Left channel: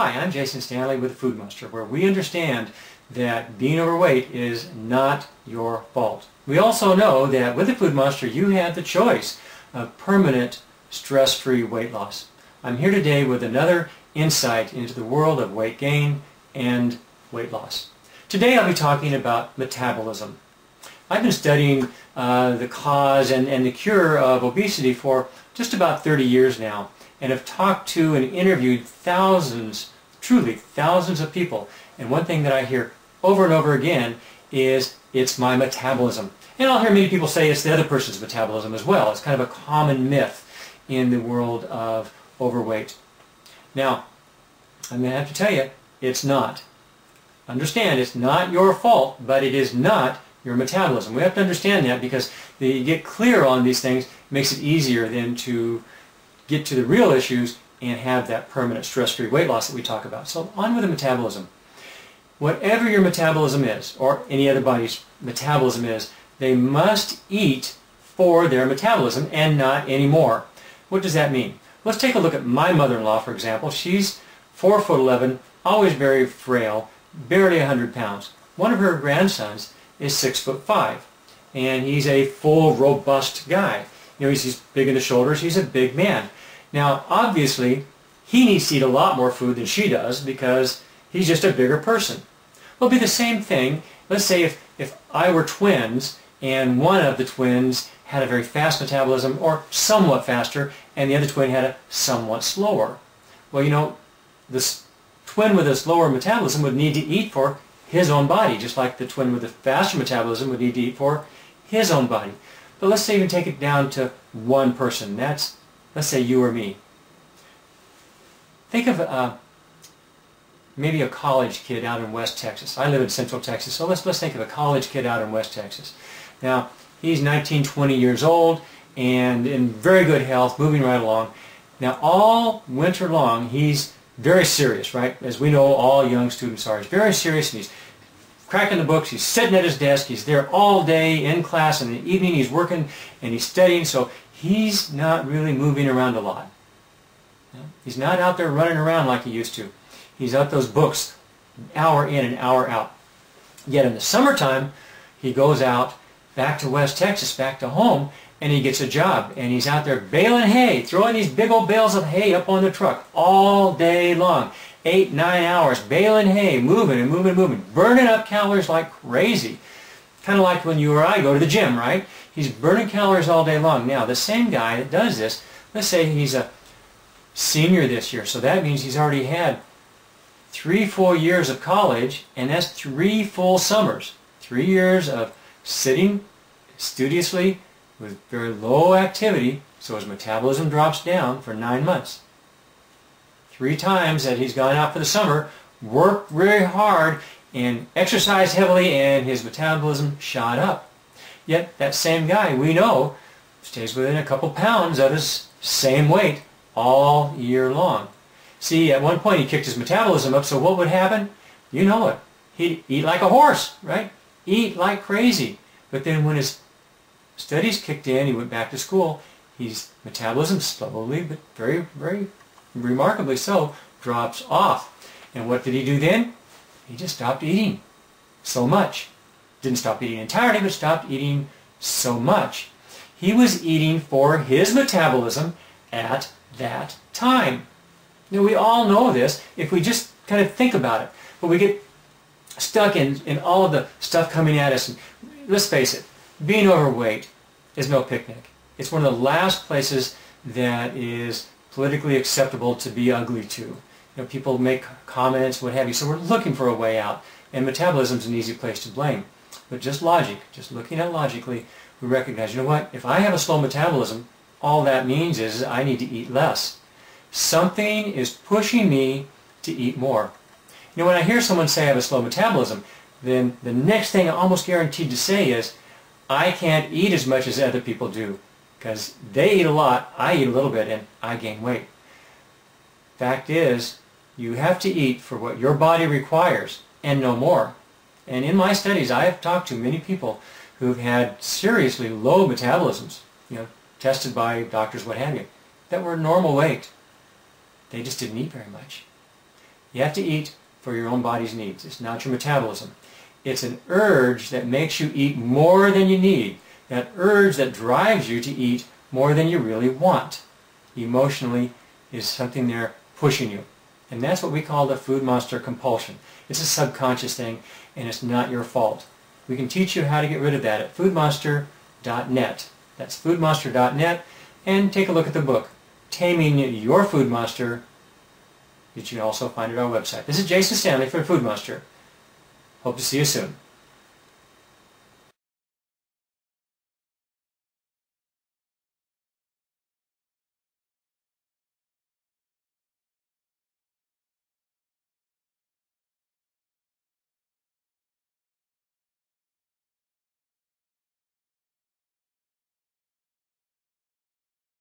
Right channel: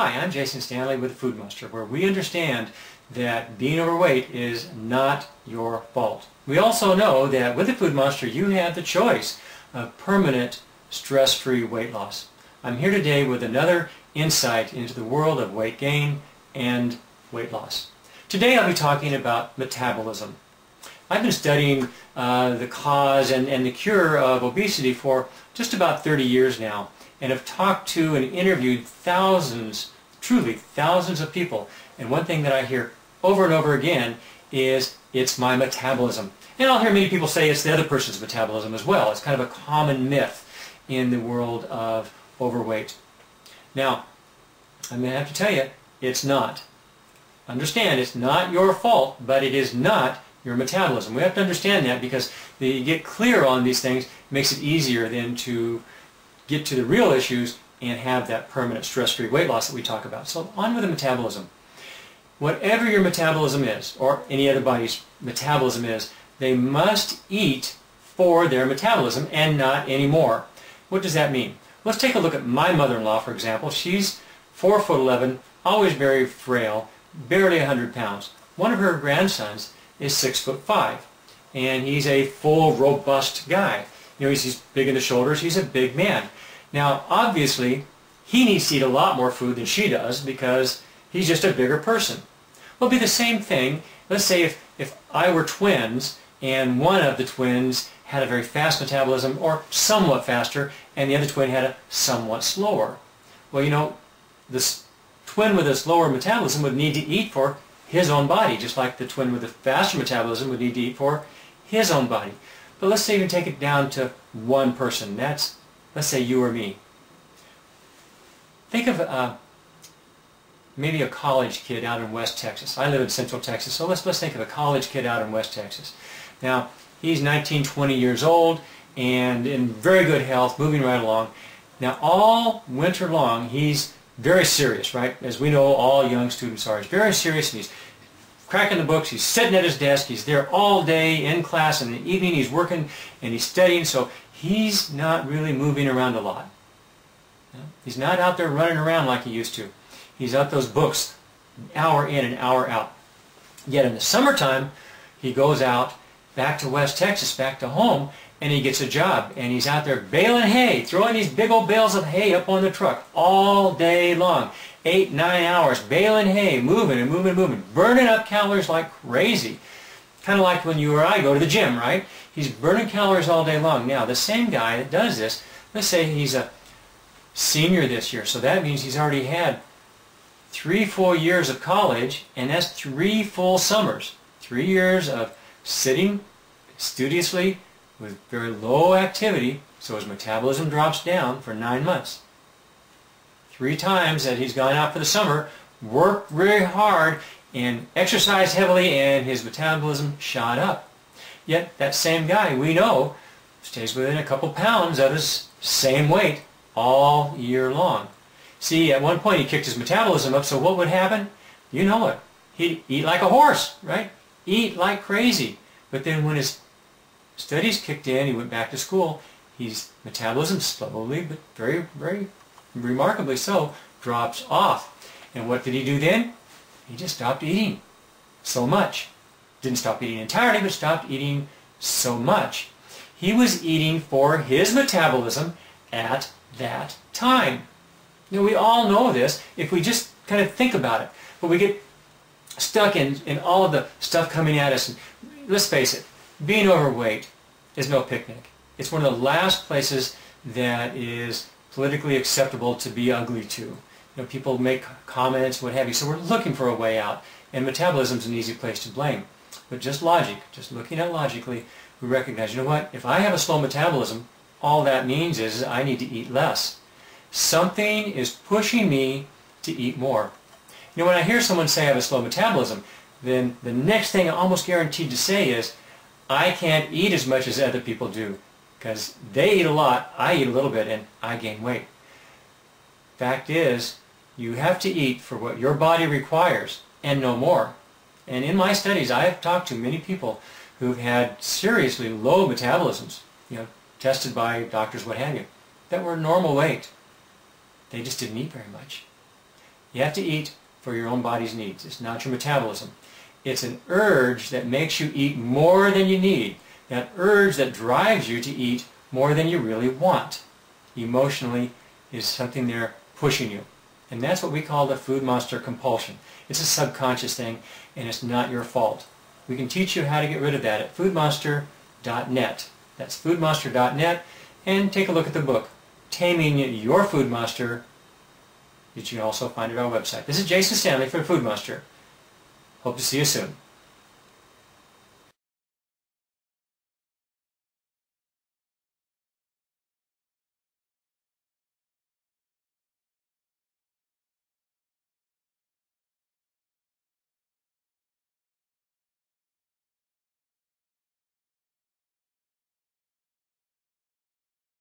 Hi, I'm Jason Stanley with the Food Monster, where we understand that being overweight is not your fault. We also know that with the Food Monster you have the choice of permanent stress-free weight loss. I'm here today with another insight into the world of weight gain and weight loss. Today I'll be talking about metabolism. I've been studying the cause and the cure of obesity for just about 30 years now, and have talked to and interviewed thousands, truly thousands of people. And one thing that I hear over and over again is, it's my metabolism. And I'll hear many people say it's the other person's metabolism as well. It's kind of a common myth in the world of overweight. Now, I'm going to have to tell you, it's not. Understand, it's not your fault, but it is not your metabolism. We have to understand that, because you get clear on these things, it makes it easier then to get to the real issues and have that permanent stress-free weight loss that we talk about. So on with the metabolism. Whatever your metabolism is, or any other body's metabolism is, they must eat for their metabolism and not anymore. What does that mean? Let's take a look at my mother-in-law, for example. She's 4'11", always very frail, barely 100 pounds. One of her grandsons is 6'5", and he's a full, robust guy. You know, he's big in the shoulders, he's a big man. Now, obviously, he needs to eat a lot more food than she does because he's just a bigger person. Well, it'll be the same thing. Let's say if I were twins and one of the twins had a very fast metabolism, or somewhat faster, and the other twin had a somewhat slower. Well, you know, this twin with a slower metabolism would need to eat for his own body, just like the twin with a faster metabolism would need to eat for his own body. But let's say even take it down to one person. That's, let's say, you or me. Think of maybe a college kid out in West Texas. I live in Central Texas, so let's think of a college kid out in West Texas. Now, he's 19, 20 years old and in very good health, moving right along. Now, all winter long, he's very serious, right? As we know, all young students are. He's very serious, and he's cracking the books, he's sitting at his desk, he's there all day in class, and in the evening he's working and he's studying, so he's not really moving around a lot. You know? He's not out there running around like he used to. He's out those books, hour in and hour out. Yet in the summertime, he goes out back to West Texas, back to home, and he gets a job, and he's out there baling hay, throwing these big old bales of hay up on the truck all day long. 8, 9 hours, baling hay, moving and moving and moving, burning up calories like crazy. Kind of like when you or I go to the gym, right? He's burning calories all day long. Now, the same guy that does this, let's say he's a senior this year, so that means he's already had 3 full years of college, and that's 3 full summers. 3 years of sitting studiously with very low activity, so his metabolism drops down for 9 months. 3 times that he's gone out for the summer, worked very hard, and exercised heavily, and his metabolism shot up. Yet that same guy, we know, stays within a couple pounds of his same weight all year long. See, at one point he kicked his metabolism up, so what would happen? You know it. He'd eat like a horse, right? Eat like crazy. But then when his studies kicked in, he went back to school, his metabolism slowly, but very, very remarkably so, drops off. And what did he do then? He just stopped eating so much. Didn't stop eating entirely, but stopped eating so much. He was eating for his metabolism at that time. Now, we all know this if we just kind of think about it. But we get stuck in all of the stuff coming at us. And let's face it, being overweight is no picnic. It's one of the last places that is politically acceptable to be ugly to. You know, people make comments, what have you, so we're looking for a way out, and metabolism is an easy place to blame. But just logic, just looking at logically, we recognize, you know what, if I have a slow metabolism, all that means is I need to eat less. Something is pushing me to eat more. You know, when I hear someone say I have a slow metabolism, then the next thing I'm almost guaranteed to say is, I can't eat as much as other people do. Because they eat a lot, I eat a little bit, and I gain weight. Fact is, you have to eat for what your body requires, and no more. And in my studies, I have talked to many people who've had seriously low metabolisms, you know, tested by doctors, what have you, that were normal weight. They just didn't eat very much. You have to eat for your own body's needs. It's not your metabolism. It's an urge that makes you eat more than you need. That urge that drives you to eat more than you really want. Emotionally is something there pushing you. And that's what we call the food monster compulsion. It's a subconscious thing, and it's not your fault. We can teach you how to get rid of that at foodmonster.net. That's foodmonster.net, and take a look at the book, Taming Your Food Monster, that you can also find at our website. This is Jason Stanley for Food Monster. Hope to see you soon.